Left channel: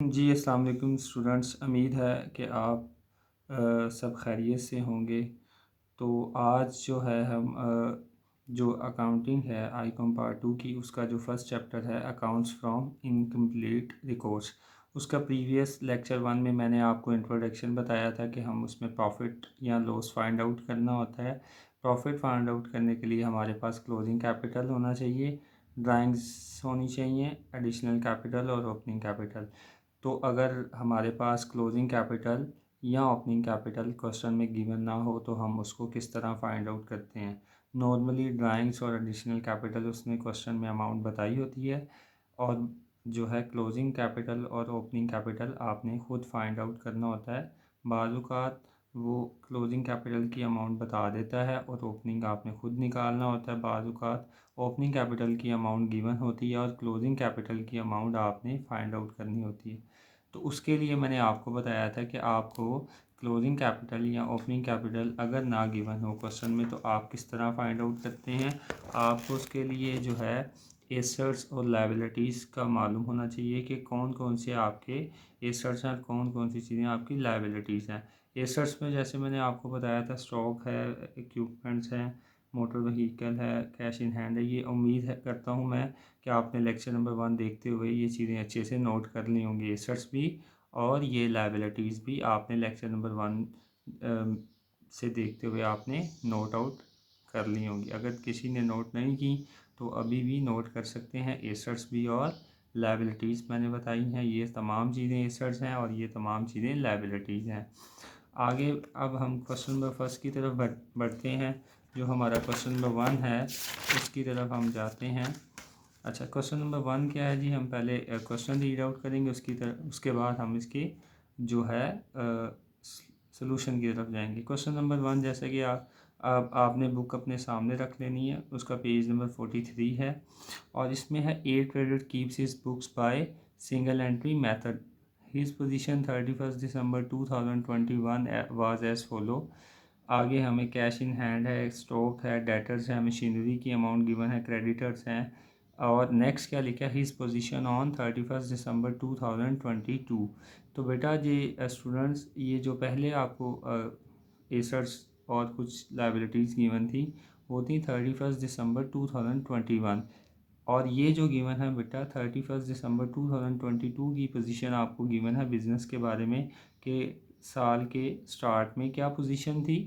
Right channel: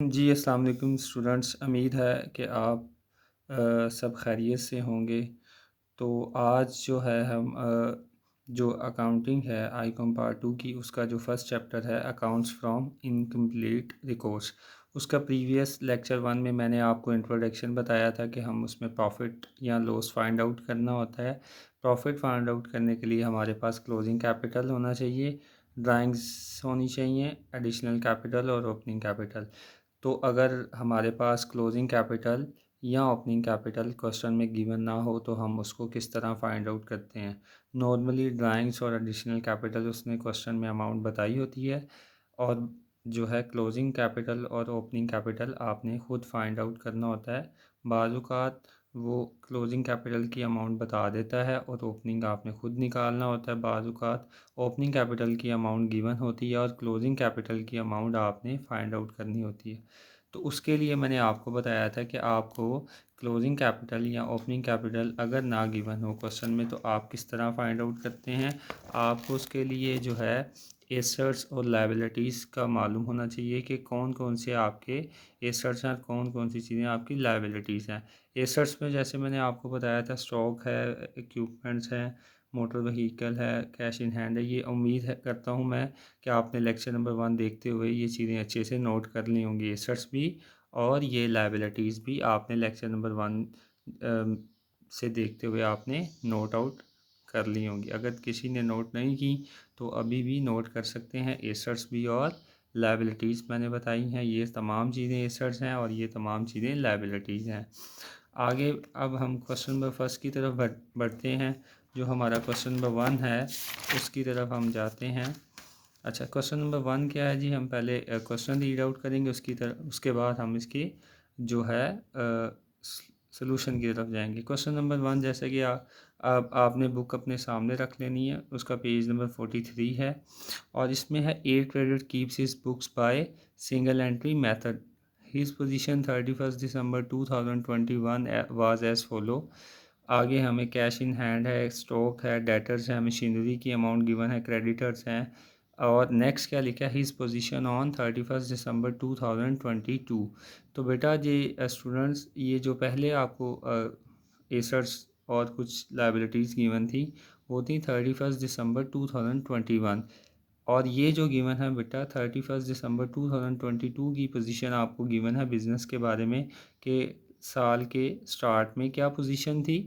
जी, अस्सलाम वालेकुम स्टूडेंट्स। उम्मीद है कि आप सब खैरियत से होंगे। तो आज जो है हम जो अकाउंटिंग है आईकॉम पार्ट 2 की उसका जो फर्स्ट चैप्टर है अकाउंट्स फ्रॉम इनकम्प्लीट रिकॉर्ड्स, उसका प्रीवियस लेक्चर 1 में मैंने आपको इंट्रोडक्शन बताया था कि हम उसमें प्रॉफिट या लॉस फाइंड आउट करना होता है। प्रॉफिट फाइंड आउट करने के लिए हमारे पास क्लोजिंग कैपिटल होना चाहिए, ड्राइंग्स होनी चाहिए, एडिशनल कैपिटल और ओपनिंग कैपिटल। तो अगर हमारे पास क्लोजिंग कैपिटल या ओपनिंग कैपिटल क्वेश्चन में गिवन ना हो तो हम उसको किस तरह फाइंड आउट करते हैं। नॉर्मली ड्राइंग्स और एडिशनल कैपिटल उसने क्वेश्चन में अमाउंट बताई होती है, और जो है क्लोजिंग कैपिटल और ओपनिंग कैपिटल आपने खुद फाइंड आउट करना होता है। बाज़ वो क्लोजिंग कैपिटल की अमाउंट बता देता है और ओपनिंग आपने खुद निकालना होता है। बाज़ ओपनिंग कैपिटल की अमाउंट गिवन होती है और क्लोजिंग कैपिटल की अमाउंट आपने फाइंड आउट करनी होती है। तो उसके लिए मैंने आपको बताया था कि आपको क्लोजिंग कैपिटल या ओपनिंग कैपिटल अगर ना गिवन हो क्वेश्चन में तो आप किस तरह फाइंड आउट करते हैं। आपको उसके लिए जो है एसेट्स और लायबिलिटीज़ का मालूम होना चाहिए कि कौन कौन से आपके एसेट्स हैं और कौन कौन सी चीज़ें आपकी लायबिलिटीज़ हैं। एसेट्स में जैसे मैंने आपको बताया था स्टॉक है, इक्विपमेंट्स हैं, मोटर व्हीकल है, कैश इन हैंड है। ये उम्मीद है करता हूँ मैं कि आपने लेक्चर नंबर 1 देखते हुए ये चीज़ें अच्छे से नोट कर ली होंगी। एसेट्स भी और ये लायबिलिटीज़ भी आपने लेक्चर नंबर 1 से देखते हुए आपने नोट आउट कर ली होंगी। अगर किसी ने नोट नहीं की तो अभी भी नोट कर सकते हैं। एसेट्स भी और लायबिलिटीज़ मैंने बताई हैं, ये तमाम चीज़ें एसेट्स हैं और ये तमाम चीज़ें लायबिलिटीज़ हैं। आगे अब हम क्वेश्चन नंबर फर्स्ट की तरफ बढ़ते हैं। जो हमारा क्वेश्चन नंबर 1 है उसकी तरफ हम जाते हैं। अच्छा, क्वेश्चन नंबर 1 क्या है जी? हम पहले क्वेश्चन रीड आउट करेंगे, उसके बाद हम इसकी जो है सोल्यूशन की तरफ जाएंगे। क्वेश्चन नंबर 1 जैसे कि आपने बुक अपने सामने रख लेनी है, उसका पेज नंबर 43 है और इसमें है a trader keeps his books by single entry method. His position 31 December 2021 was as follow. आगे हमें कैश इन हैंड है, स्टॉक है, डेटर्स है, मशीनरी की अमाउंट गिवन है, क्रेडिटर्स हैं। और नेक्स्ट क्या लिखा है? His position on 31 December 2022। तो बेटा जी स्टूडेंट्स, ये जो पहले आपको एसेट्स और कुछ लाइबिलिटीज़ गिवन थी वो थी 31 दिसंबर 2021, और ये जो गिवन है बेटा 31 दिसंबर 2022 की पोजीशन आपको गिवन है बिज़नेस के बारे में कि साल के स्टार्ट में क्या पोजीशन थी।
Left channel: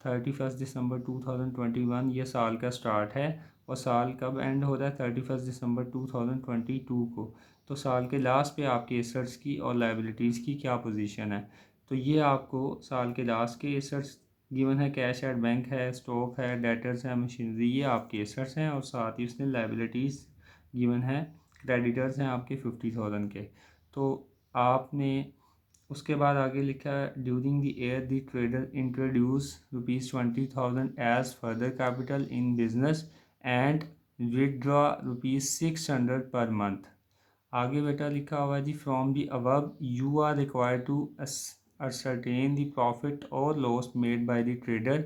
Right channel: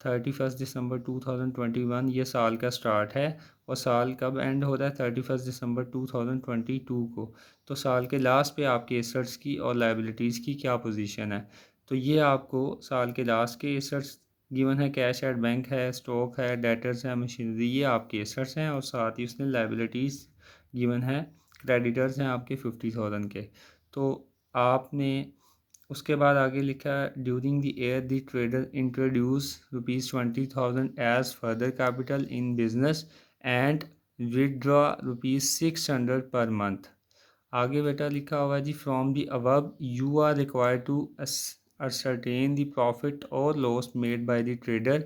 31 दिसंबर 2021 ये साल का स्टार्ट है और साल कब एंड हो रहा है? 31 दिसंबर 2022 को। तो साल के लास्ट पे आपके एसेट्स की और लाइबिलिटीज़ की क्या पोजीशन है? तो ये आपको साल के लास्ट के एसेट्स गिवन है, कैश एट बैंक है, स्टॉक है, डेटर्स है, मशीनरी, ये आपके एसेट्स हैं और साथ ही उसने लाइबिलिटीज़ गिवन है, क्रेडिटर्स हैं आपके 50,000 के। तो आपने उसके बाद आगे लिखा है during the year the trader introduce ₹20,000 as further capital in business and withdraw ₹600 per month. आगे बेटा लिखा होगा जी from the above you are required to ascertain the profit or loss made by the trader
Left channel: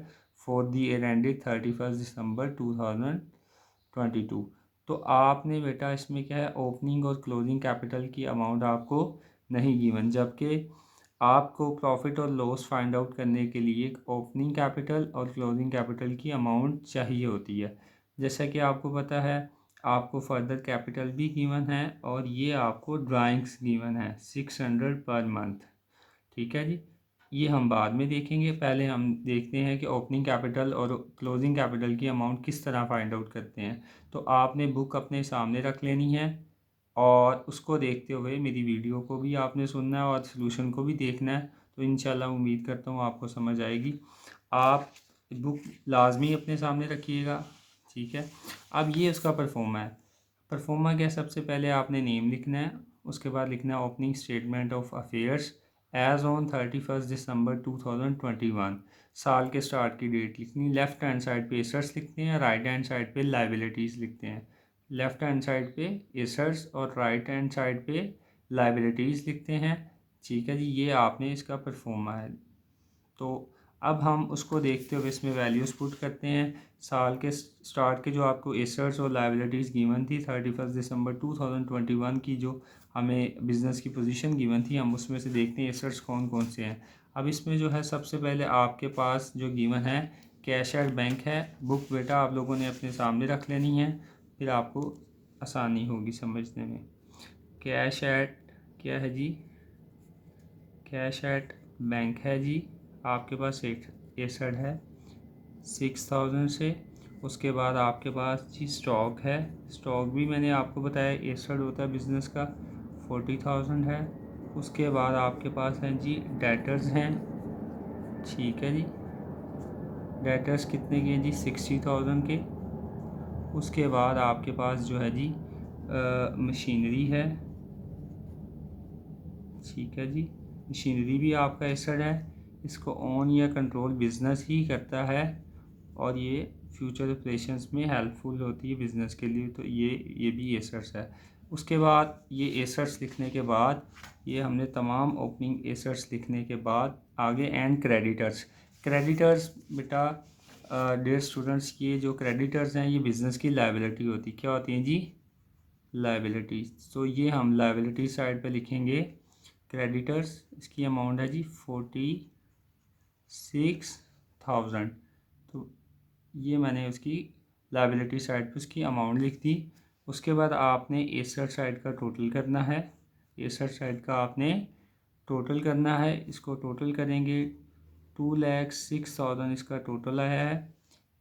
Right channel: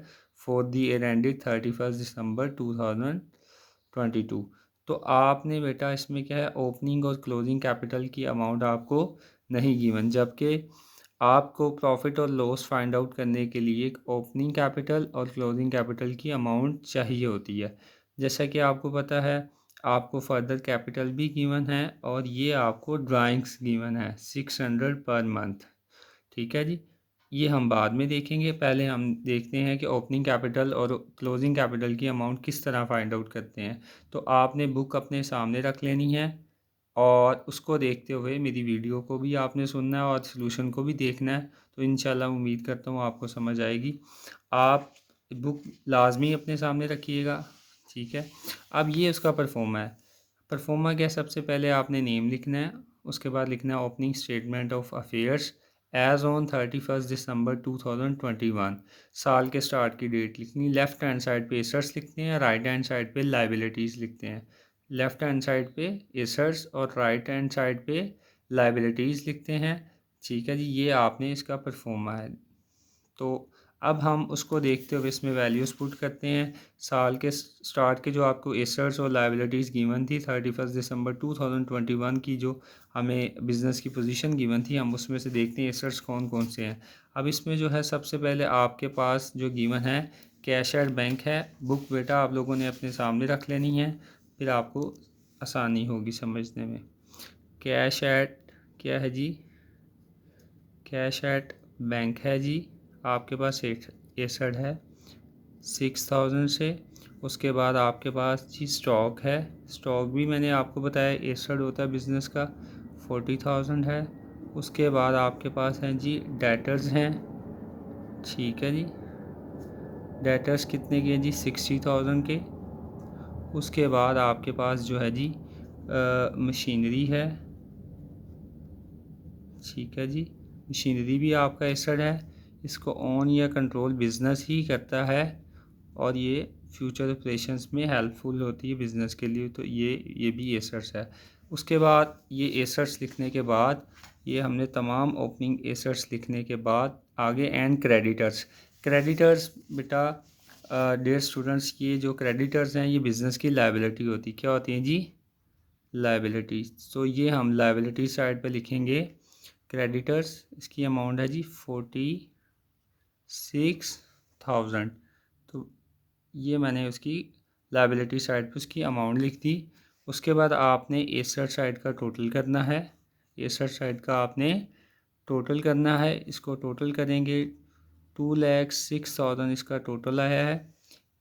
for the year ended 31 December 2022। तो आपने बेटा इसमें क्या है, ओपनिंग और क्लोजिंग कैपिटल की अमाउंट आपको नहीं गिवन, जबकि आपको प्रॉफिट और लॉस फाइंड आउट करने के लिए ओपनिंग कैपिटल और क्लोजिंग कैपिटल की अमाउंट चाहिए होती है। जैसा कि आपको पता है आपको फर्दर कैपिटल भी गिवन है और ये आपको ड्राइंग्स गिवन है 600 पर मंथ। ठीक है जी, ये हम बाद में देखेंगे। पहले हम देखते हैं कि ओपनिंग कैपिटल और क्लोजिंग कैपिटल की अमाउंट किस तरह फाइंड आउट करते हैं। तो आपने बुक अपने सामने रख लेनी है और उसको देखते हुए मेरी वीडियो को भी आपने सुनना है और सॉल्यूशन को भी देखना है। तो इंशाल्लाह उम्मीद करता हूँ आपको समझ आएगी। आप बुक लाजमी अपने सामने रखिएगा। ठीक है, अब ये उसका परफॉर्मा है। परफॉर्मा क्या? सबसे पहले आपने नेम लिखना है, उसके बाद लिखना है opening statement of affairs as on 31 December 2021। साल के स्टार्ट की डेट लिखनी। लेफ्ट हैंड साइड पे एसेट्स लिखते हैं, राइट हैंड साइड पे लाइबिलिटीज़ लिखते हैं। लेफ्ट हैंड साइड पे एसेट्स और राइट हैंड साइड पे लाइबिलिटीज़ लिखते हैं। ठीक है जी, ये आपने इसका परफॉर्मा है। तो अब हम उसको देखते हुए इसमें वैल्यूज़ पुट करते हैं। साल के स्टार्ट के जो आपको एसेट्स और लायबिलिटीज़ गिवन थी 31 दिसंबर 2021 की, जो हमें बिज़नेस की पोजीशन गिवन थी, हम उसमें से देखते हैं एसेट्स कौन कौन से हैं। अब इसमें जो है सबसे पहले आपके पास जो गिवन है कैश एट बैंक है। बुक बेटा आप लोगों ने अपने सामने रख लेनी है, फिर आपको आसानी होगी समझने में। कैश एट क्या है जी, कैश एट बैंक है जी, आपके पास एसेट है 6000 से। उसके बाद आपके पास जी स्टॉक है, स्टॉक भी मैंने आपको बताया एसेट होता है बिज़नेस का, 40,000 है। उसके बाद आपके पास हैं जी डेटर्स हैं, ठीक है जी, डेटर्स कितने के हैं जी 60,000 के। उसके बाद आपके पास जो है जी मशीनरी है, ठीक है जी, मशीनरी भी आपका एसेट है। इसको ऑन या कंट्रोल बिज़नेस ही करता है और ये फ्यूचर ऑपरेशंस में हेल्पफुल होती है बिज़नेस के लिए, तो ये भी एसेट्स है। उसके बाद ये एसेट्स लिखने के बाद, ये हमने तमाम ओपनिंग एसेट्स लिखने के बाद आगे एंड क्रेडिटर्स। क्रेडिटर्स बेटा डियर स्टूडेंट्स, ये जो क्रेडिटर्स हैं ये बिज़नेस की लायबिलिटी होती, क्या होती हैं जी, लायबिलिटीज़। तो ये हम लायबिलिटी साइड पे लिखेंगे क्रेडिटर्स, इसकी अमाउंट है जी 46,000। तो ये मैंने उसकी लायबिलिटी साइड पे उसकी अमाउंट लिख दी। उसके बाद आपने एसेट साइड का टोटल करना है, एसेट साइड का आपने टोटल करना है। इसको टोटल करेंगे 2,06,000 इसका टोटल आया है।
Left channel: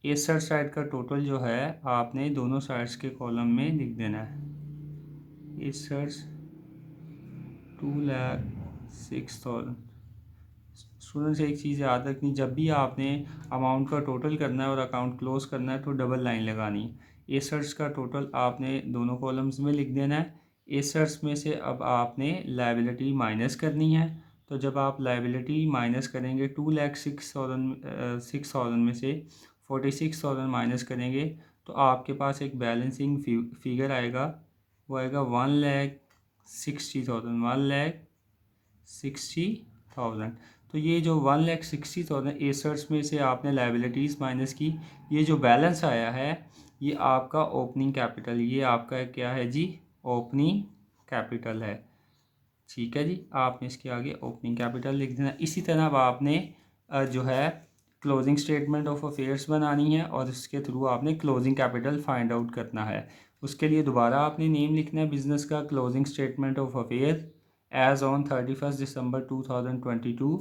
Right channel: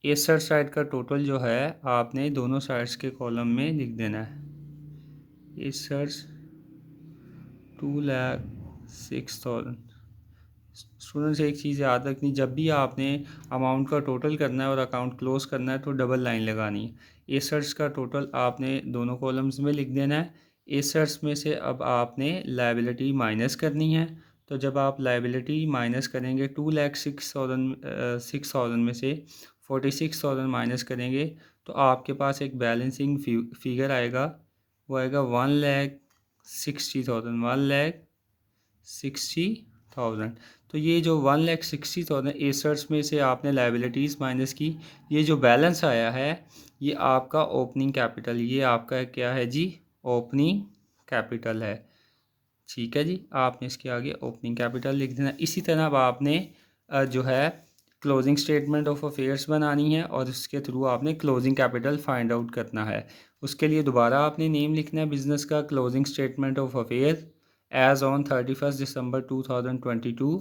एसेट साइड का टोटल जो है आपने दोनों साइड्स के कॉलम में लिख देना है। एसेट्स 2,06,000। स्टूडेंट्स एक चीज़ याद रखनी, जब भी आपने अमाउंट का टोटल करना है और अकाउंट क्लोज करना है तो डबल लाइन लगानी है। एसेट्स का टोटल आपने दोनों कॉलम्स में लिख देना है। एसेट्स में से अब आपने लायबिलिटी माइनस करनी है, तो जब आप लायबिलिटी माइनस करेंगे 2,06,000 में से 46,000 माइनस करेंगे तो आपके पास एक बैलेंसिंग फिगर आएगा, वो आएगा 1,60,000, 1,60,000। तो ये जो 1,60,000 एसेट्स में से आपने लायबिलिटीज़ माइनस की, ये जो बैलेंस आया है ये आपका ओपनिंग कैपिटल, ये आपका क्या है जी, ओपनिंग कैपिटल है, ठीक है जी। आपने इसके आगे ओपनिंग कैपिटल लिख देना। इसी तरह अब आपने जो है क्लोजिंग स्टेटमेंट ऑफ अफेयर्स बनानी है और उसके थ्रू आपने क्लोजिंग कैपिटल फाइंड आउट करना है। उसके लिए दोबारा आपने नेम लिखना है बिज़नेस का, closing statement of affair as on 31 December 2022।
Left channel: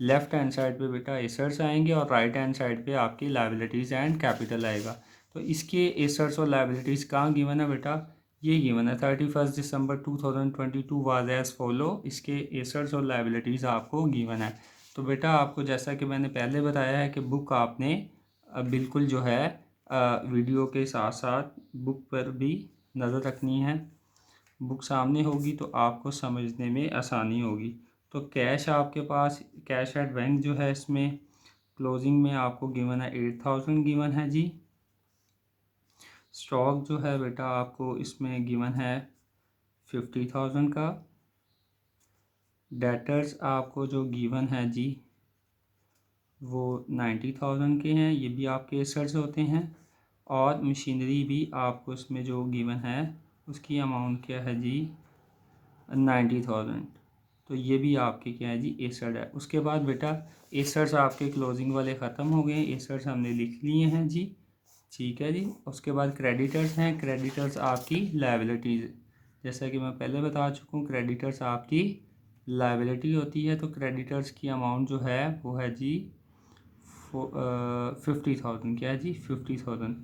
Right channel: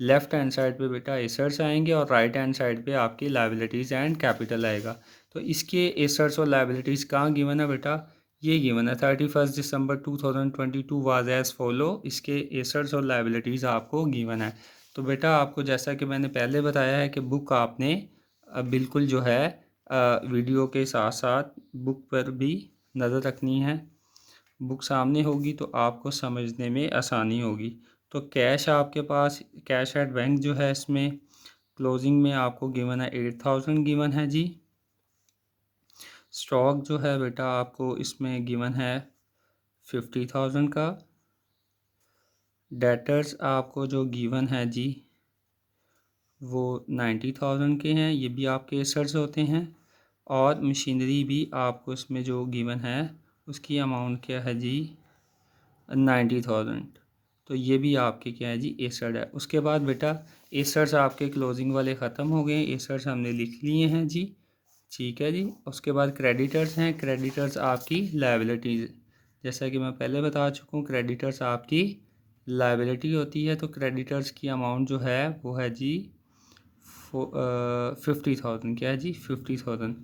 Left hand side पे बेटा एसेट्स आएंगे और राइट हैंड साइड पे आपकी लायबिलिटीज़ एंड कैपिटल आएगा। तो इसके एसेट्स और लायबिलिटीज़ कहाँ गिवन है बेटा, ये गिवन है 31 दिसंबर 2022 वाज एज फॉलो। इसके एसेट्स और लायबिलिटीज़ आपको गिवन है। तो बेटा आपको जैसा कि मैंने पहले बताया है कि बुक आपने बिल्कुल जो है वीडियो के साथ साथ बुक पर भी नज़र रखनी है। बुक सामने होगी तो आपको समझने में आसानी होगी। तो कैश आपके पास, कैश एट बैंक जो है इसमें क्लोजिंग में आपको गिवन है 8,000 गिवन है जी। स्टॉक जो है बेटा आपको इसमें गिवन है 50,000 का। डेटर्स आपको जो गिवन है जी वो 90,000 के हैं, ये भी आपके एसेट्स होते हैं। और मशीनरी भी आपको इसमें जो गिवन है उसकी अमाउंट क्या है जी 90,000। तो ये भी आपके क्या है जी एसेट है। उसके बाद बेटा एसेट्स आपके क्लोजिंग वाले ख़त्म हो गए, एसेट्स हमने लिख लिए हैं जी, ठीक है जी। उसके बाद क्रेडिटर्स हैं, क्रेडिटर्स आपकी लायबिलिटीज़, जैसा कि मैं पहले बता चुका हूँ क्रेडिटर्स आपकी लायबिलिटी होती है। तो क्रेडिटर्स की अमाउंट जो है वो है जी 50,000, क्या है जी 50,000।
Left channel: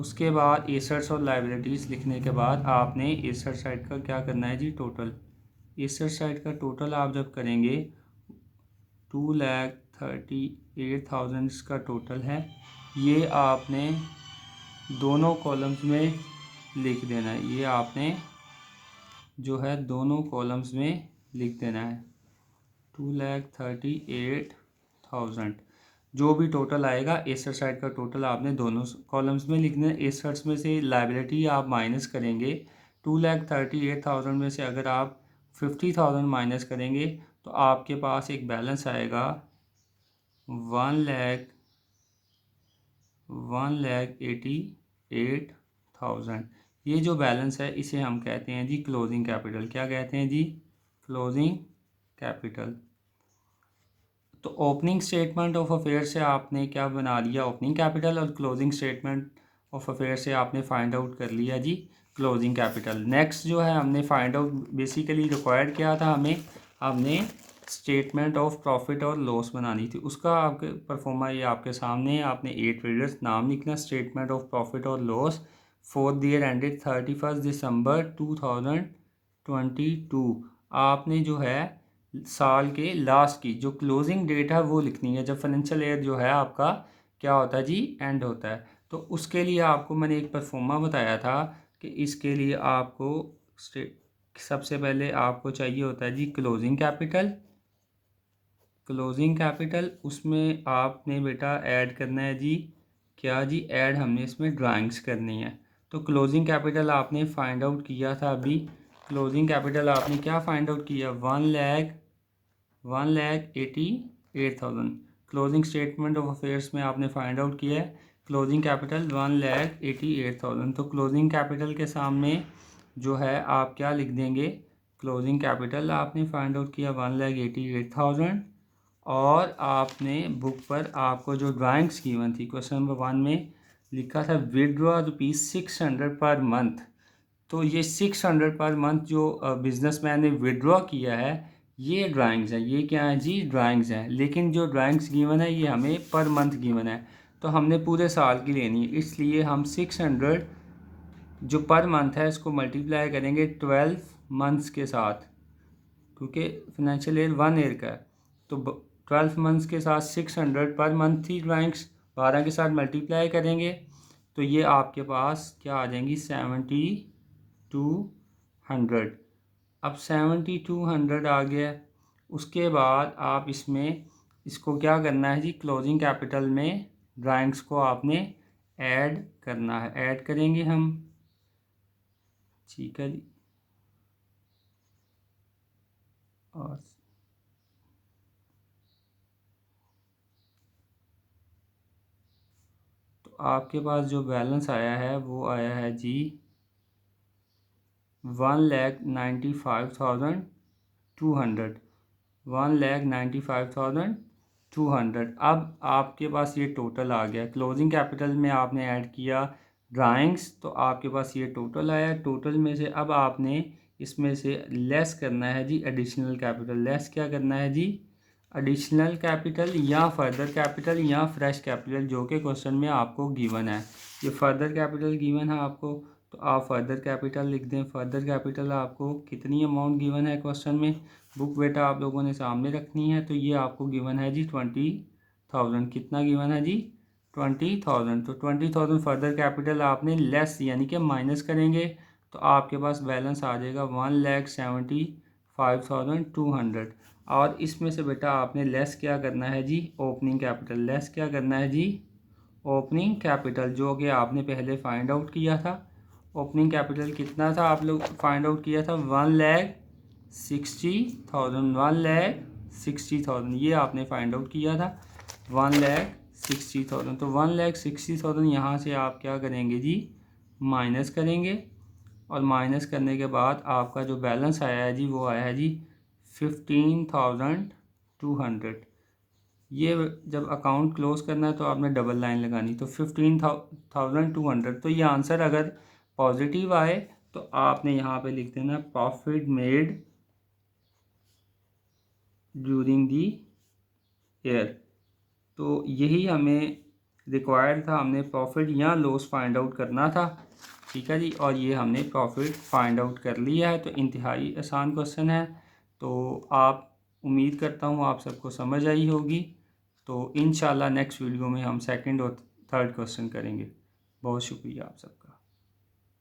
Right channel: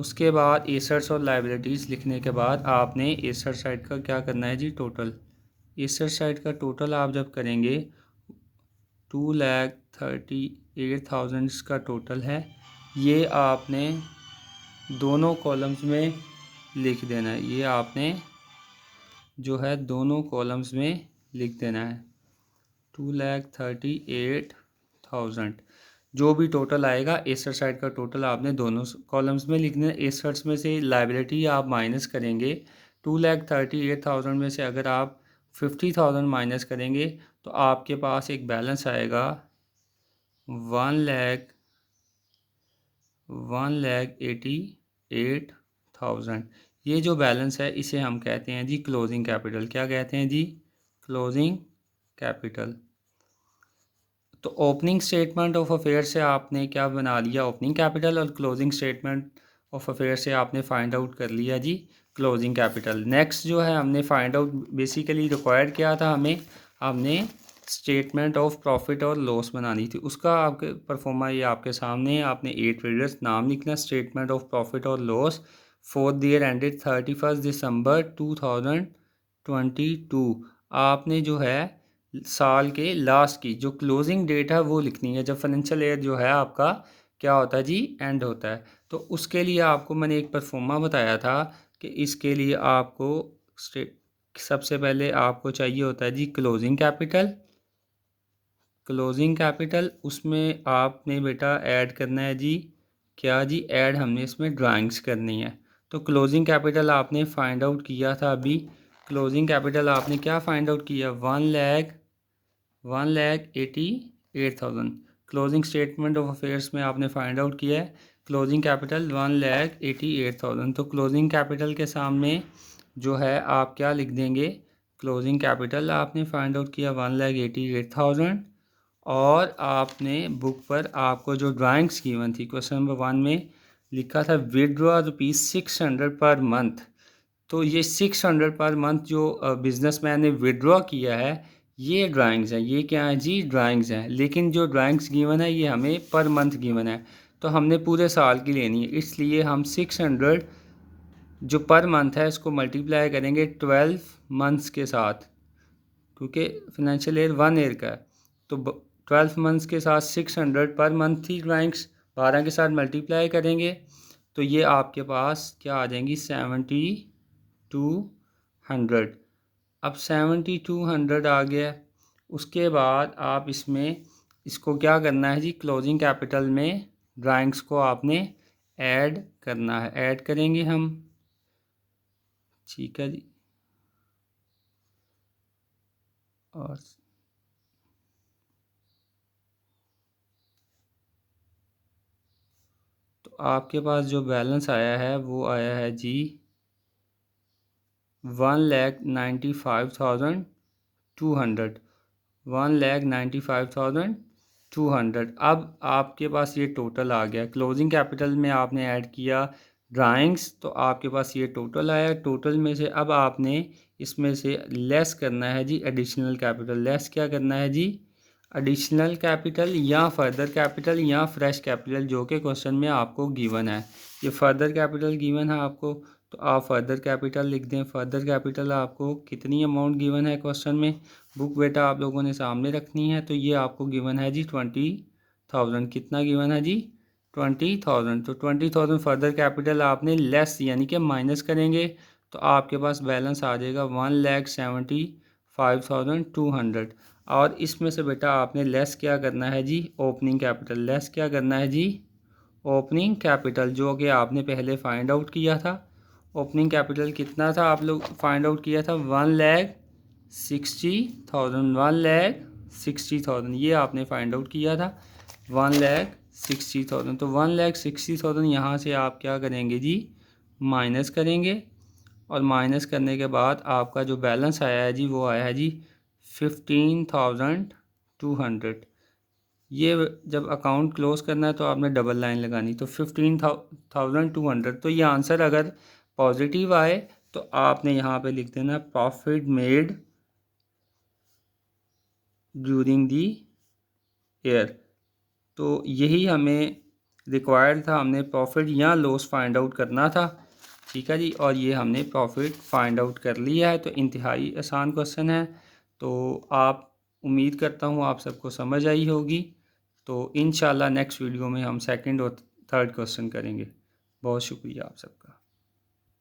उसके बाद एसेट्स और लायबिलिटीज़ लिखने के बाद आपने एसेट साइड का क्या करना है जी टोटल। एसेट साइड का टोटल आप जब करेंगे 2,38,000 इसका टोटल है, ये आपने दोनों कॉलम्स में लिख देना है, ये आपने जो है दोनों कॉलम्स में लिख देना है 2,38,000। जो भी टोटल आएगा एसेट साइड का टोटल आपने दोनों कॉलम्स में लिखना है। एसेट्स में से लायबिलिटी आप माइनस करेंगे, 2,38,000 में से अगर आप 50,000 माइनस करेंगे तो आपके पास एक बैलेंस आएगा 1,88,000। ये जो बैलेंस है इसे हम कहते हैं जी क्लोजिंग कैपिटल। क्या कहते हैं जी? Closing capital. तो ओपनिंग स्टेटमेंट ऑफ अफेयर से आपने क्या बना लिया? Opening capital. और क्लोजिंग स्टेटमेंट ऑफ अफेयर से आपने फाइंड आउट कर लिया जी क्लोजिंग कैपिटल। नेक्स्ट जो है हमने फाइंड आउट बेसिकली रिक्वायर्ड क्या था हमने स्टेटमेंट ऑफ प्रॉफिट और लॉस बनानी थी। उसका आपके परफॉर्मा ये आपके सामने है। आपने 8 ट्रेडर्स नाम लिखना, स्टेटमेंट ऑफ प्रॉफिट और loss for the year ended 31 December 2022। आपने जो है साल के लास्ट की जो क्लोजिंग डेट है वो लिखनी है, जब फाइनेंशियल ईयर जो है आपका क्या होता है जी? एंड होता है। तो उसके लिए आपको मैंने एक परफॉर्मा बताया था कि इसके लिए आपको सबसे पहले आपको चाहिए होता है जी क्लोजिंग कैपिटल। क्लोजिंग कैपिटल उसमें आपने बेटा ऐड करना है जी क्या जी? ऐड हमने इसमें ड्राइंग्स करनी है। तो क्लोजिंग कैपिटल आपने फाइंड आउट किया था अभी। क्लोजिंग कैपिटल आपने क्या फाइंड आउट किया? 1,88,000। क्लोजिंग स्टेटमेंट ऑफ अफेयर्स में आपने फाइंड आउट किया है क्लोजिंग कैपिटल 1,88,000। तो क्लोजिंग कैपिटल के सामने जो है आप क्या लिख देंगे? क्लोजिंग कैपिटल आपने फाइंड आउट किया 1,88,000। और आपने बुक पर आपको जो ड्राइंग्स गिवन थी क्वेश्चन नंबर 1 में लिखा था विड्रॉ ₹600 पर मंथ। तो ये 600 पर मंथ जो बिजनेसमैन ने विड्रॉ किया है ये ड्राइंग्स हैं। ये क्या है जी? ड्राइंग्स हैं। लेकिन जो ड्राइंग्स गिवन है ये हमें पर मंथ गिवन है, तो हमने पूरे साल की लेनी है। इसलिए हम 600 जो पर मंथ है इसको मल्टीप्लाई करेंगे 12 मंथ्स के साथ, क्योंकि फाइनेंशियल ईयर 1 ईयर का है। तो 12 मंथ्स के साथ 600 पर मंथ थी ड्राइंग्स, 12 के साथ मल्टीप्लाई करेंगे तो ये आपके पास क्या आ जाएंगी? 7,200। अब 7,200 आ गया। उसके बाद आप इसमें इसको क्या करना है जी? क्लोजिंग कैपिटल में ड्राइंग्स को आपने ऐड करना है। ऐड करेंगे हम, ठीक है जी। और तो आपके पास जो बैलेंस आया है वो आया है जी 1,95,200। 1,95,200। अब आपके पास ये टोटल आ गया। क्लोजिंग कैपिटल में आपने ऐड किया ड्राइंग्स, तो आपके पास ये टोटल आया। टोटल में से अब आपने इसमें से लेस करना है जी एडिशनल कैपिटल। लेस क्या करना है जी? एडिशनल कैपिटल या फर्दर कैपिटल या फ्रेश कैपिटल, जो कि क्वेश्चन में आपको गिवन है। ये फर्दर कैपिटल गिवन है आपको, तो आप फर्दर कैपिटल लिख दें। फर्दर कैपिटल आपको कितनी अमाउंट गिवन है क्वेश्चन में? बुक बेटा आप लोगों ने सामने रखनी है। तो ये आपको गिवन है जी 20,000। कितना गिवन है जी? 20,000। तो 20,000 फर्दर कैपिटल आपने लेस यानी कि माइनस करेंगे तो आपके पास बैलेंस आ जाएगा 1,75,200। और इसमें से बेटा आपने लेस क्या करना है जी? Opening capital. लेस क्या करना है जी? ओपनिंग कैपिटल, जो कि आपने पहले फाइंड आउट किया था। ओपनिंग कैपिटल कितना था आप लोग फाइंड आउट किया था? 1,60,000। 1,60,000 ये आपने फाइंड आउट किया था 1,60,000। तो 1,60,000 यहाँ से आप क्या करेंगे जी? माइनस करेंगे। और माइनस करने के बाद आपका जो बैलेंस आया है जी वो आया है जी 15,200। ये जब अकाउंट क्लोज करना है तो आपने डबल लाइन लगानी। तो 15,200। तो ये आंसर अगर पॉजिटिव आए तो आपने यहाँ पे लिख देना profit made during the year. तो यही हमें रिक्वायर्ड था, हमने प्रॉफिट या लॉस फाइंड आउट करना था, ठीक है जी। और ये हमने प्रॉफिट फाइंड आउट कर लिया है। तो इंतहाई आसान क्वेश्चन है। तो आप उम्मीद करता हूँ आप सबको समझ आई होगी। तो इंशाल्लाह नेक्स्ट वीडियो में हम सेकंड और थर्ड क्वेश्चन करेंगे। बहुत शुक्रिया आप सबका।